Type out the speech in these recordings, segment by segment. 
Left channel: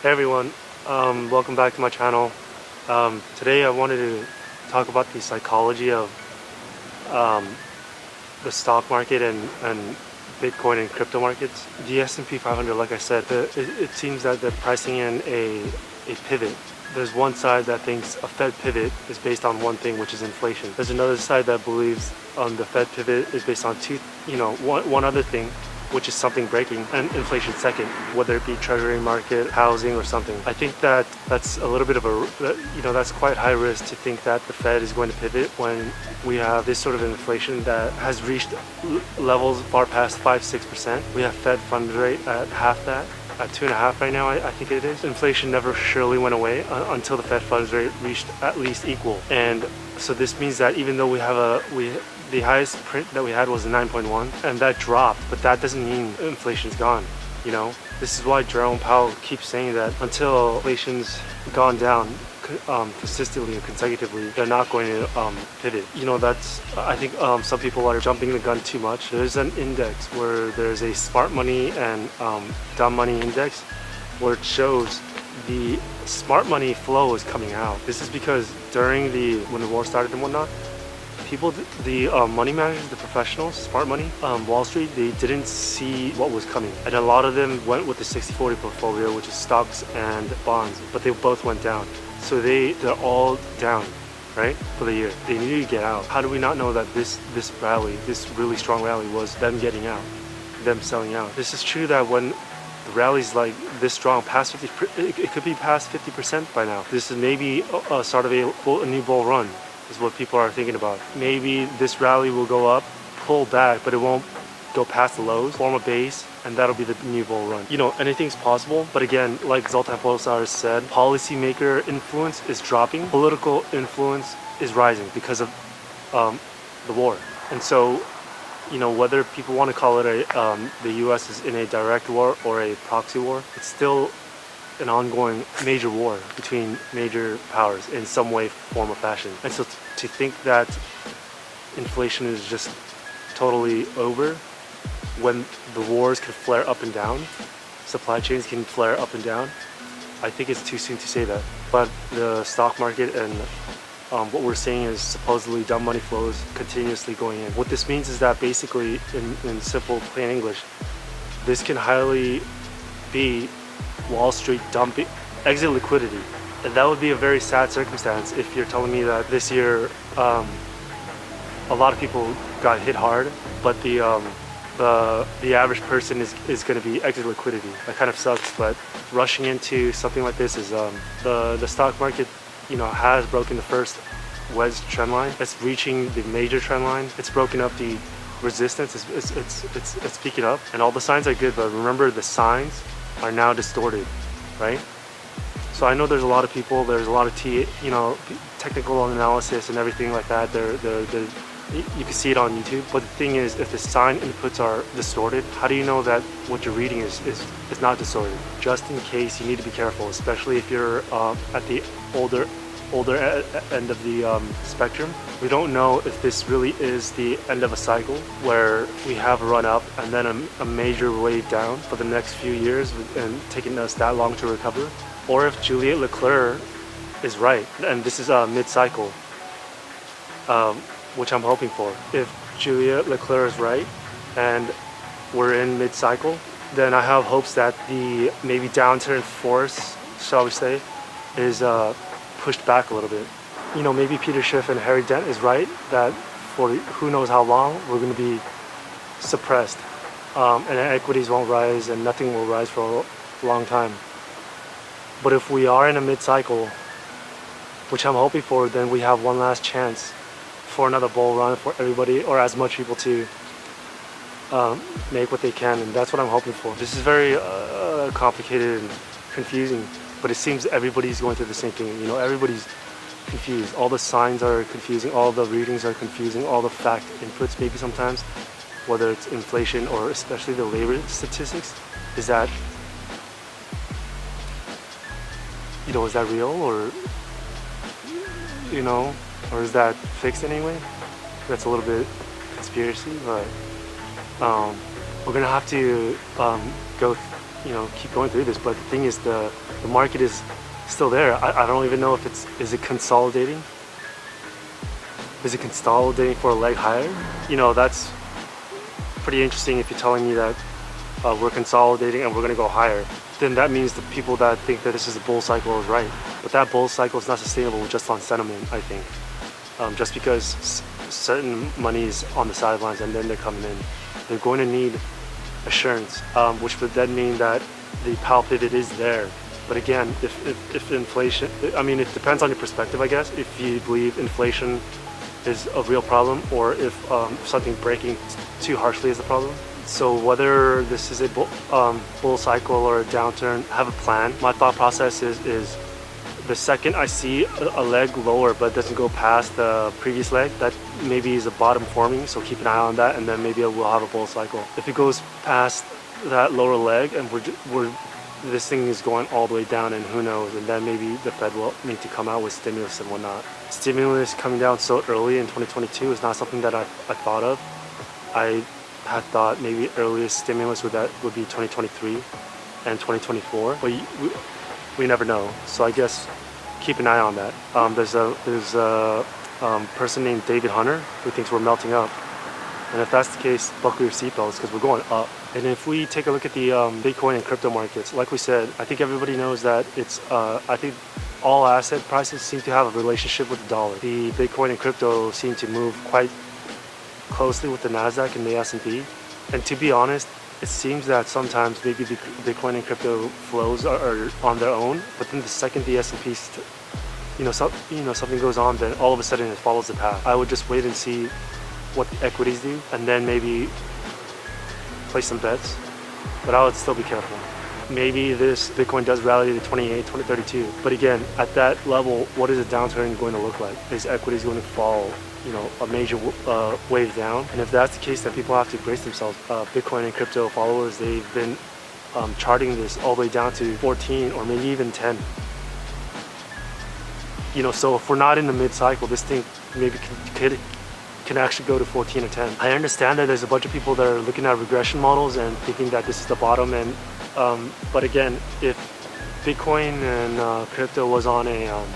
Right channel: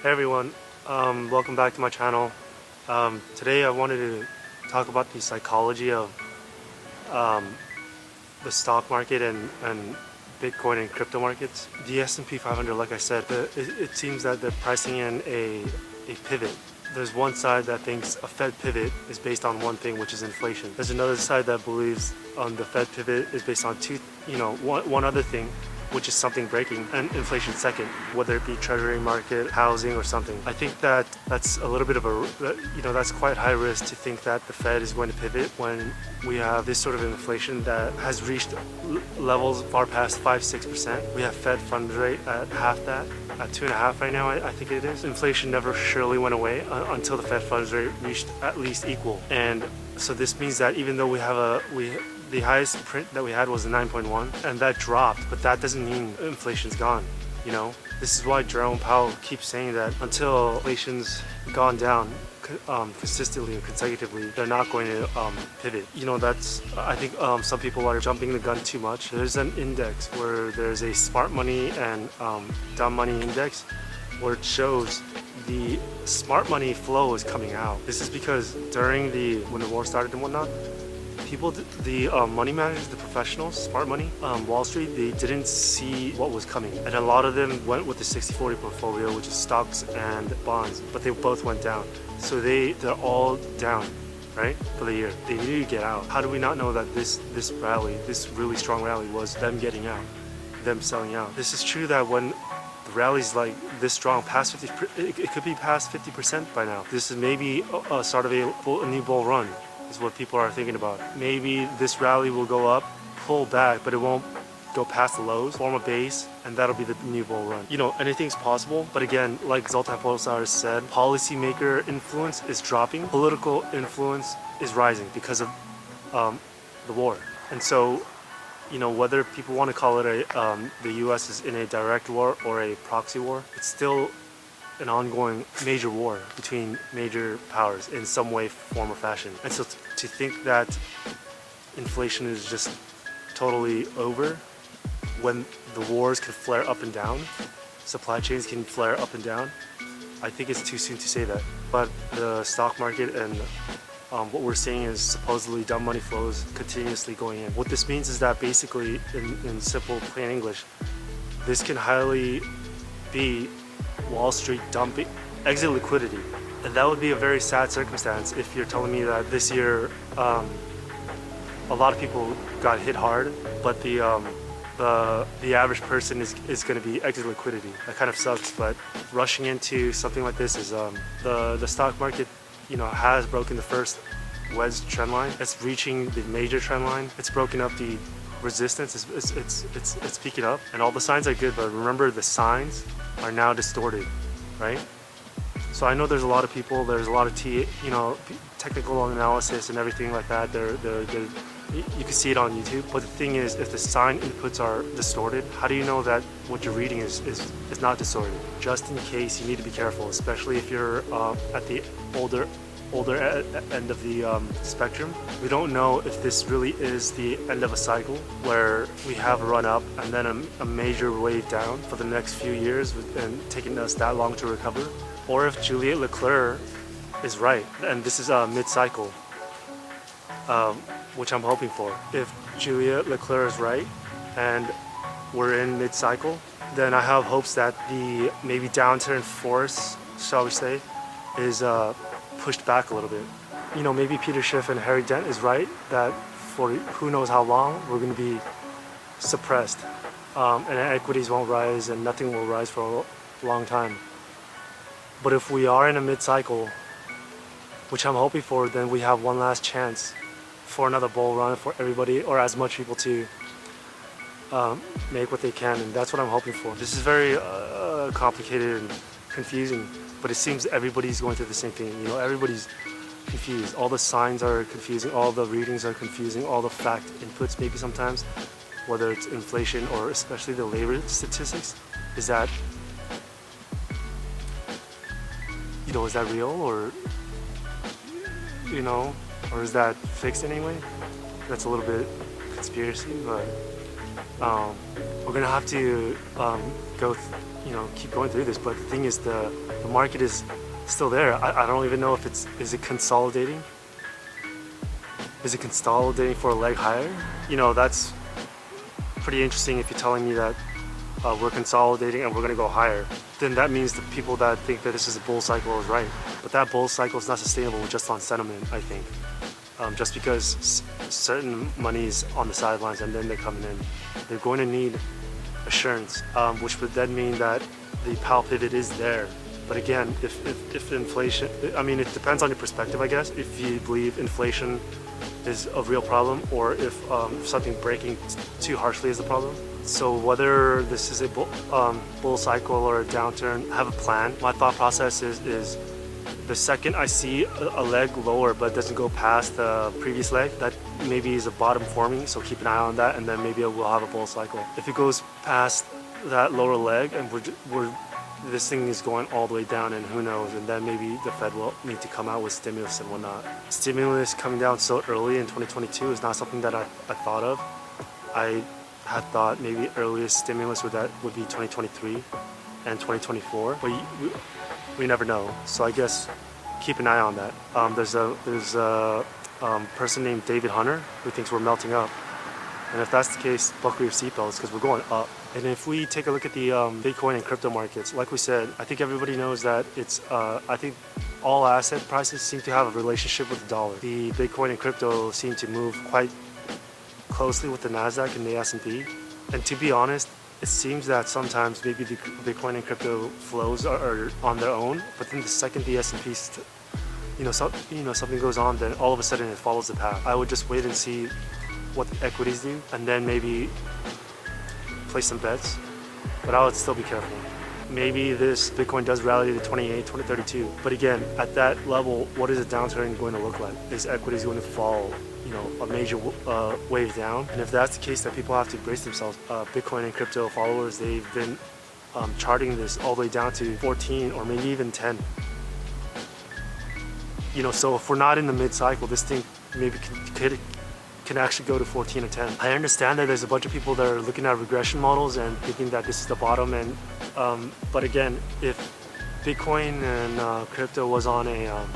Hey everyone, welcome back to my channel. Today I wanted to talk about the psychology of um, the stock market and Bitcoin and crypto markets. The S&P 500, like I said, it seems that they're pricing in a pivot. There's one side that thinks a Fed pivot is based on one thing, which is inflation. There's another side that believes the Fed pivot is based on one other thing, which is something breaking, and inflation second, whether it be treasury market, housing, or something. I think that that's a little bit of that's quite high risk to think that the Fed is going to pivot when we have this sort of inflation that has reached levels far past 5-6%. We have Fed funds rate at half that, at 2.5 right now, I think it is. Inflation never surely went away until the Fed funds rate reached at least equal. And so this means that even though the highest print that we had was a 9.1 and that dropped, but that doesn't mean inflation's gone. This is why Jerome Powell keeps saying that until inflation's gone down consistently and consecutively, they're not going to pivot. I think some people are jumping the gun too much. There's an index where there's a smart money and dumb money index where it shows the smart money flow is coming out. This is because when the war started and whatnot, the money managers, the professionals, smart money, Wall Street, they didn't see what was coming. And a lot of them went with the 60-40 portfolio, which is stocks and bonds, but they both went down. So they're all down, right, for the year. They needed to get out. How do we not know that this rally, this really strong rally, was them getting out, them selling out? This is true that when the rally's like this strong, past 50, it could be past 50% by now. This is maybe a start of a new bull run, is what people are thinking about. Maybe this rally will go up, pull back, but it won't go past the lows, form a base, and that'll be the new bull run. Anything's possible, but again, like Zoltan Pozsar said, policymaker influence is dropping, political influence is rising because of the war. And so, whether people want to call it the US is in a direct war or a proxy war, it's still an ongoing major war between major powers in some way, form, or fashion. And so to think that inflation is just totally over when the wars can flare up and down, supply chains can flare up and down, I think it's too soon to say that. But the stock market and what we're seeing is supposedly dumb money flows continuously going in. What this means is that basically, in simple, plain English, this can highly be Wall Street dumping, exit liquidity. And that would be a very sad circumstance if you're telling me that this year a lot of people got hit hard, but the average person is going to be exit liquidity. That kind of sucks, but rushing into something like this is the stock market has broken the first wedge trend line. It's reaching the major trend line. It's broken up the resistance. It's peaking up, and all the signs are good, but remember, the signs are now distorted, right? So I know there's a lot of people, there's a lot of technical analysis and everything like that. You can see it on YouTube. But the thing is, if the sign inputs are distorted, how do you know that what you're reading is not distorted? Just in case, you need to be careful, especially if you're at the older end of the spectrum. We don't know if this really is the end of a cycle where we have a run up and then a major wave down for the next few years and taking us that long to recover, or if Juliet Leclerc is right and this is a mid-cycle, which I'm hoping for. If Juliet Leclerc is right and we're in mid-cycle, then I have hopes that the maybe downturn force, shall we say, is pushed back a little bit. Maybe Peter Schiff and Harry Dent is right that for who knows how long we're going to be suppressed, and equities won't rise and nothing will rise for a long time. But if we are in a mid-cycle, which I'm hoping for, then we have one last chance for another bull run for everybody, or as much people to make what they can, and that's what I'm hoping for. This is very complicated and confusing, but it seems everybody's going through the same thing. Everybody's confused. All the signs are confusing, all the readings are confusing, all the fact inputs maybe sometimes, whether it's inflation or especially the labor statistics, is that is that real, or or is that fixed anyway? That's a little bit conspiracy, but we're gonna have to go keep going through this. But the thing is, the market is still there. I don't even know if is it consolidating. Is it consolidating for a leg higher? That's pretty interesting. If you're telling me that we're consolidating and we're going to go higher, then that means the people that think that this is a bull cycle is right. But that bull cycle is not sustainable just on sentiment, I think. Just because certain money is on the sidelines and then they're coming in, they're going to need assurance, which would then mean that the Powell pivot is there. But again, if inflation, I mean, it depends on your perspective, I guess. If you believe inflation is a real problem, or if something breaking too harshly is a problem. So whether this is a bull cycle or a downturn, have a plan. My thought process is the second I see a leg lower but doesn't go past the previous leg, that maybe is a bottom forming, so keep an eye on that, and then maybe we'll have a bull cycle. If it goes past that lower leg and this thing is going all the way down, and who knows, and then maybe the Fed will need to come out with stimulus and whatnot. Stimulus coming down so early in 2022 is not something that I thought of. I had thought maybe earliest stimulus would be 2023 and 2024, but we never know. So I guess keep an eye on that. There's a person named David Hunter who thinks we're melting up, and if that's the case, buckle your seatbelts because we're going up. And if we take a look at the Bitcoin and crypto markets, like we said, I think everybody knows that it's I think all asset prices seem to have a relationship with the dollar. The Bitcoin and crypto seem to move quite closely with the Nasdaq and the S&P. And to be honest, it seems that sometimes maybe the Bitcoin and crypto flows are on their own, but then the second the S&P, something goes on, then all of a sudden it follows the path. I would just wait and see what the equities do, and then maybe place some bets, but I would still be careful. Maybe this Bitcoin does rally to 28, 2032, but again, at that level, what is a downturn going to look like? Is equities going to fall, a major wave down? And if that's the case, then people have to brace themselves. Bitcoin and crypto followers, they've been charting this all the way down to 14 or maybe even 10. So if we're not in the mid-cycle, this thing maybe can actually go to 14 or 10. I understand that there's a bunch of people that are looking at regression models and thinking that this is the bottom, and but again, if Bitcoin and crypto was on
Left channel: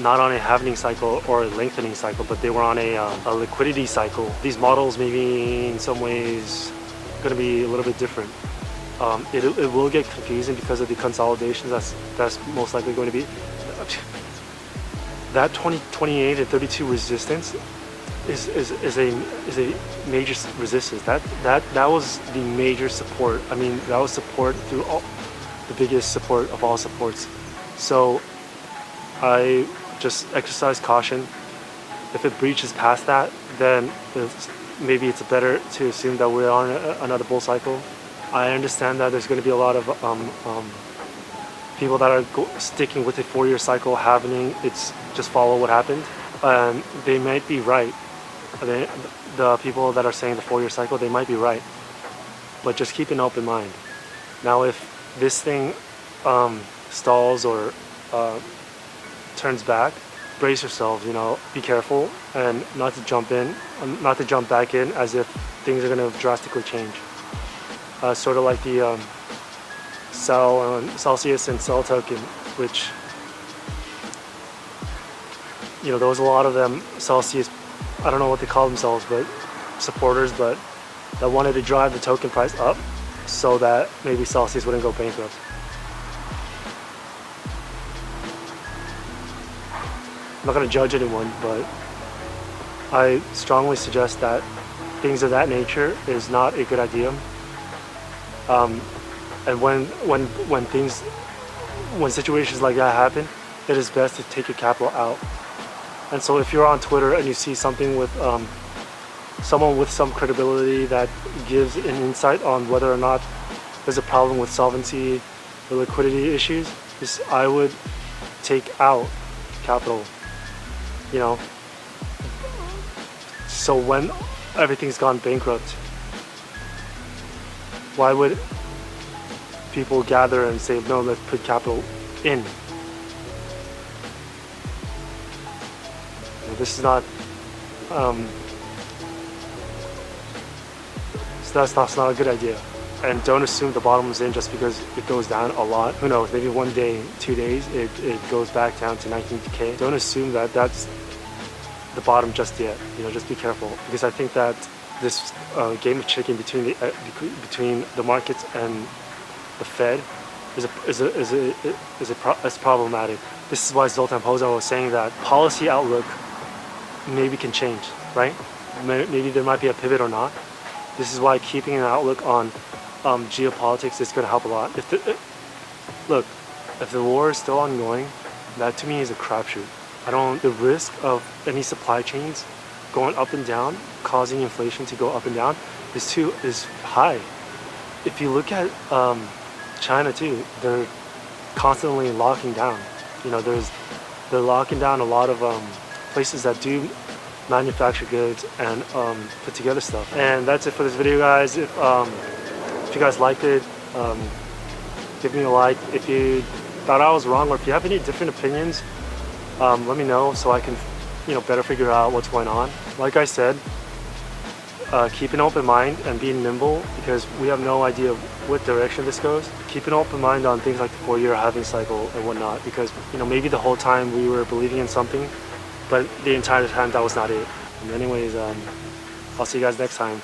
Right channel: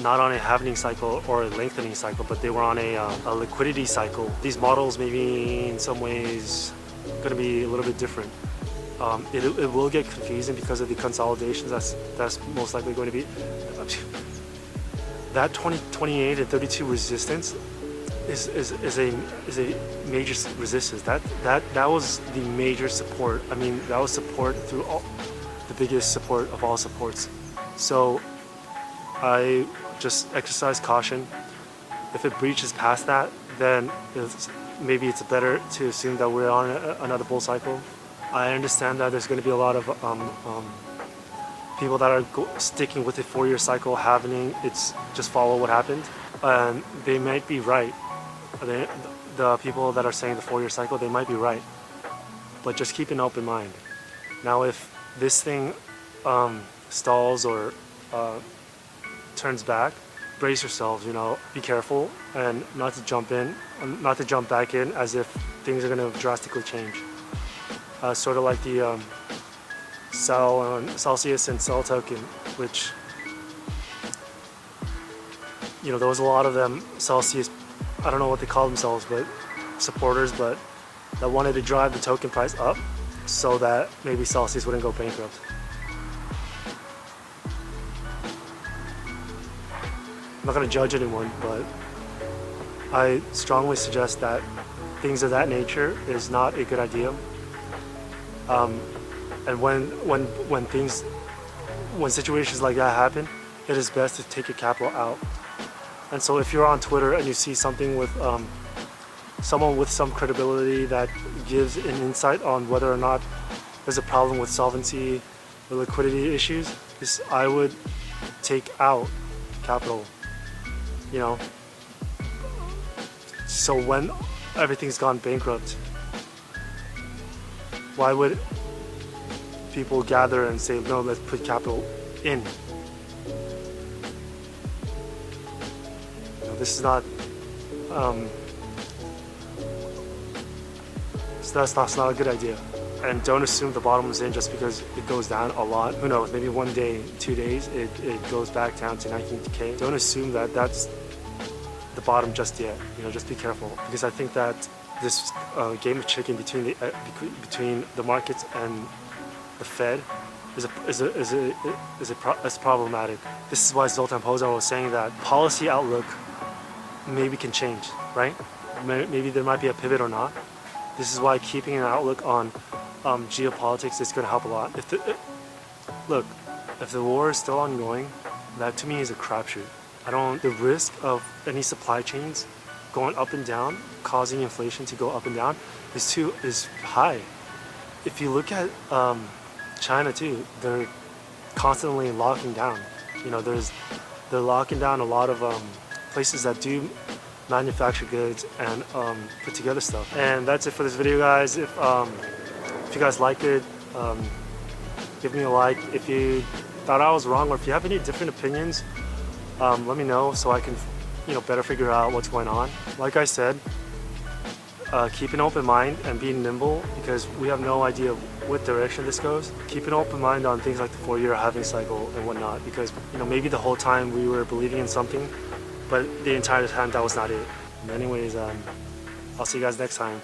not on a halving cycle or a lengthening cycle, but they were on a liquidity cycle, these models maybe in some ways going to be a little bit different. It will get confusing because of the consolidations. That's most likely going to be that 2028 and 32 resistance is a major resistance. That was the major support. I mean, that was support through the biggest support of all supports. So I just exercise caution. If it breaches past that, then maybe it's better to assume that we're on another bull cycle. I understand that there's going to be a lot of people that are sticking with the 4-year cycle happening. It's just follow what happened, and they might be right. The people that are saying the 4-year cycle, they might be right, but just keep an open mind. Now, if this thing stalls or turns back, brace yourselves. Be careful and not to jump back in as if things are going to drastically change. Sort of like the Celsius and Cell token, which there was a lot of them. Celsius, I don't know what they call themselves, but supporters, but that wanted to drive the token price up so that maybe Celsius wouldn't go bankrupt. I'm not going to judge anyone, but I strongly suggest that things of that nature is not a good idea. And when situations like that happen, it is best to take your capital out. And so if you're on Twitter and you see something with someone with some credibility that gives an insight on whether or not there's a problem with solvency or liquidity issues, I would take out capital. So when everything's gone bankrupt, why would people gather and say, no, let's put capital in? This is not, that's not a good idea. And don't assume the bottom is in just because it goes down a lot. Who knows, maybe one day, 2 days, it goes back down to 19K. Don't assume that that's the bottom just yet. You know, just be careful, because I think that this game of chicken between the markets and the Fed is problematic. This is why Zoltan Pozsar was saying that policy outlook maybe can change, right? Maybe there might be a pivot or not. This is why keeping an outlook on geopolitics is going to help a lot. Look, if the war is still ongoing, that to me is a crapshoot. The risk of any supply chains going up and down, causing inflation to go up and down, is high. If you look at China too, they're constantly locking down. You know, they're locking down a lot of places that do manufacture goods and put together stuff. And that's it for this video, guys. If you guys liked it, give me a like. If you thought I was wrong, or if you have any different opinions, let me know so I can, better figure out what's going on. Like I said, keep an open mind and be nimble, because we have no idea what direction this goes. Keep an open mind on things like the 4-year halving cycle and whatnot, because maybe the whole time we were believing in something, but the entire time that was not it. And anyways, I'll see you guys next time.